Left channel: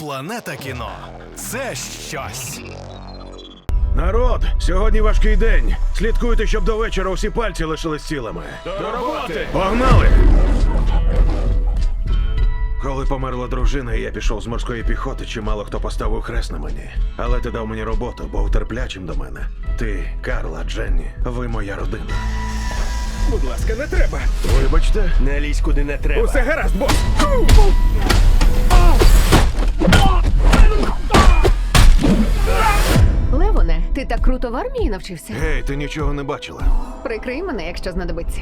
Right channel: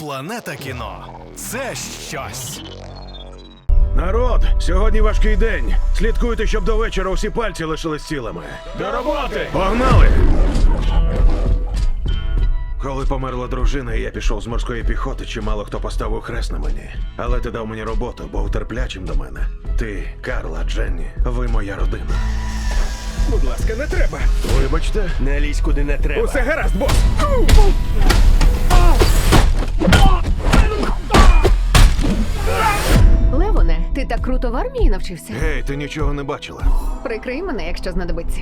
Планета кіно це щось. Народ, сьогодні важкий день. Слідкуйте, щоб до вечора усі пальці лишились цілими. До роботи! Погнали! Коли померла дружина, і я пішов з морської піхоти, чимало хто поставив хрест на мені. Але ти дав мені роботу, бо терплячим до мене. Ти, Карла, Дженні, ви моя родина. Будь ласка, не треба. Вибачте, не лізь куди не треба. Усе гаразд, бос! так круто в армії навчився. Гей, ти нічого не бачила. Прикрий мене, якщо знадобиться.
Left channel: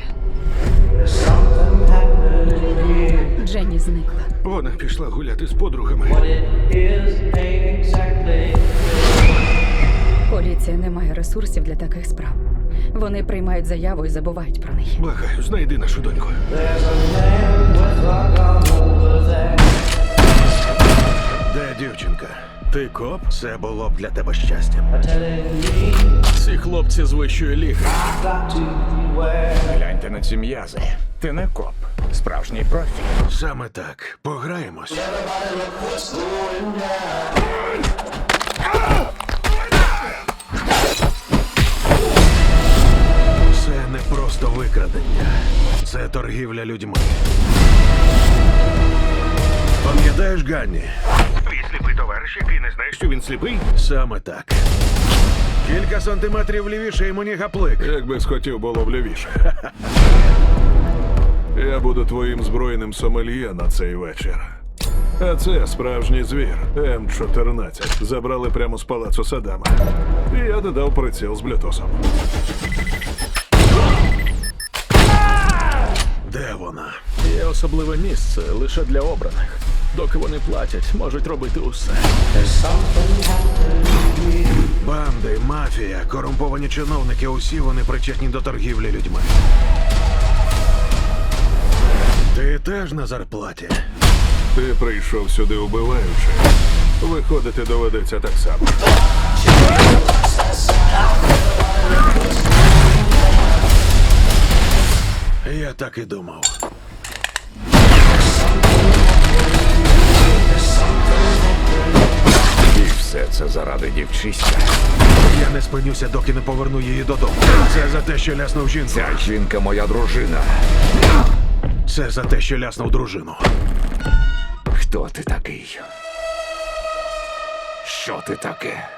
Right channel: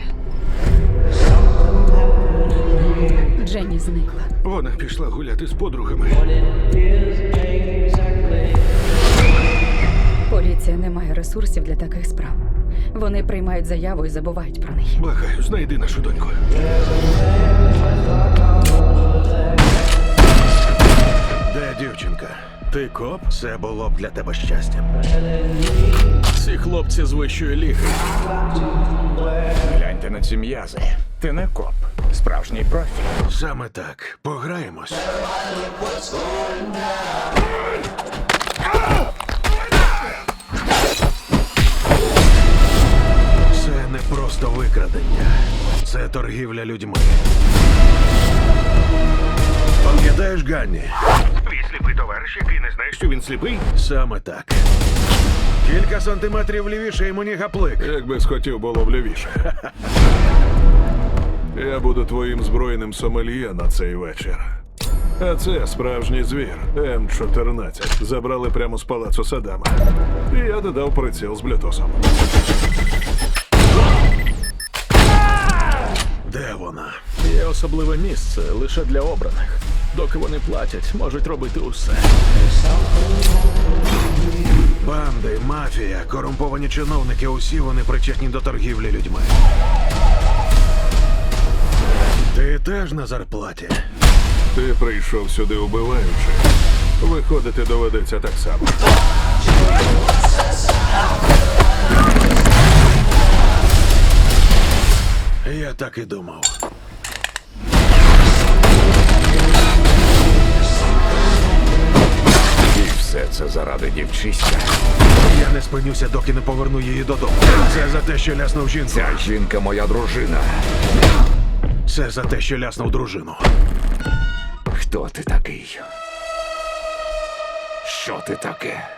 Дженні зникла. Вона пішла гуляти з подругами. Поліція не має ресурсів для таких справ. Вони приймають заяву і забувають про неї. Благаю, знайди нашу доньку. Ти коп? Це було б для тебе щастям. Ці хлопці з вищої ліги. Гляньте на ці м'язи. Ти не коп. Справжній профі. Саме так. Пограємось. Це не просто викрадення. Це торгівля людьми. Пам'ятаєш, Ганні? Твій сліпий товариш, який не знає, що він сліпий? Саме так. Кілька сантиметрів лівіше і мені гаплик. Якби схотів було б лівіше. Я буду твоїм збройним сомельє на цей вечір. А це справжній звір М14. Забрали прямо з палацу Садама. І я додав приціл з блютосом. особливе місце лише для обраних. Доки вони платять, можуть робити усе. Банди, мафія, корумповані чиновники. Усі вони причетні до торгівлі людьми. Ти теж на зарплаті. Ти прийшов сюди убиваючи. Виходити доведеться так само. Я так і думав. це заради дівчиська. Я не спинюся, доки не поверну її додому. Це за те, що ляснув жінку. Ця жінка моя дружина. Це за те, що ляснув дружину. Хто ти такий? Що ти таке?